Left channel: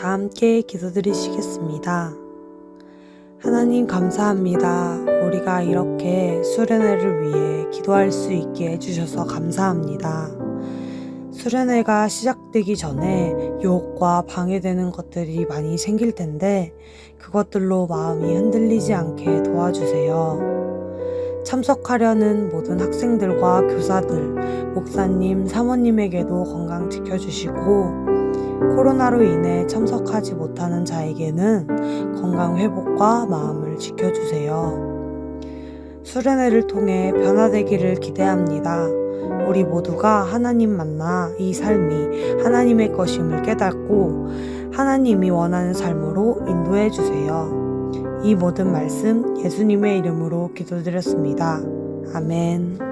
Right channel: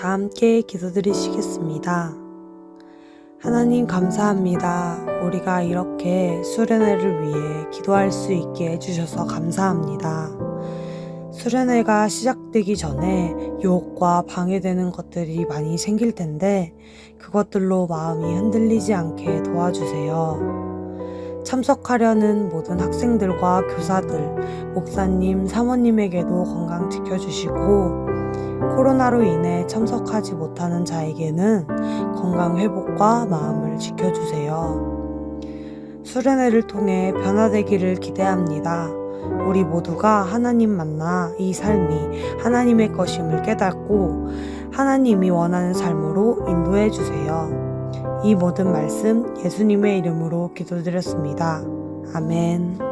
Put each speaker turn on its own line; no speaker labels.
다 함께 기도드리시겠습니다. 하나님 감사합니다. 우리가 이렇게 수련회를 위해 기도할 수 있게 해주셔서 감사합니다. 수련회가 시작되기 전에 유혹과 방해되는 것들이 많이 생길 텐데 그것들로 마음이 흔들리지 않게 도와주세요. 참석하려는 모든 학생들과 교사들, 목사님, 사모님에게도 건강 지켜주시고 코로나로 인해 참석하지 못하는 자에게는 건강 회복과 마음을 지켜주세요. 수련회를 통해 변화되기를 기대합니다. 우리 모두가 하나님 만나 이 삶이 하나님의 것임을 깨닫고 하나님이 원하는 삶으로 인도해 주세요. 이 모든 말씀 예수님의 이름으로 기도드렸습니다. 아멘.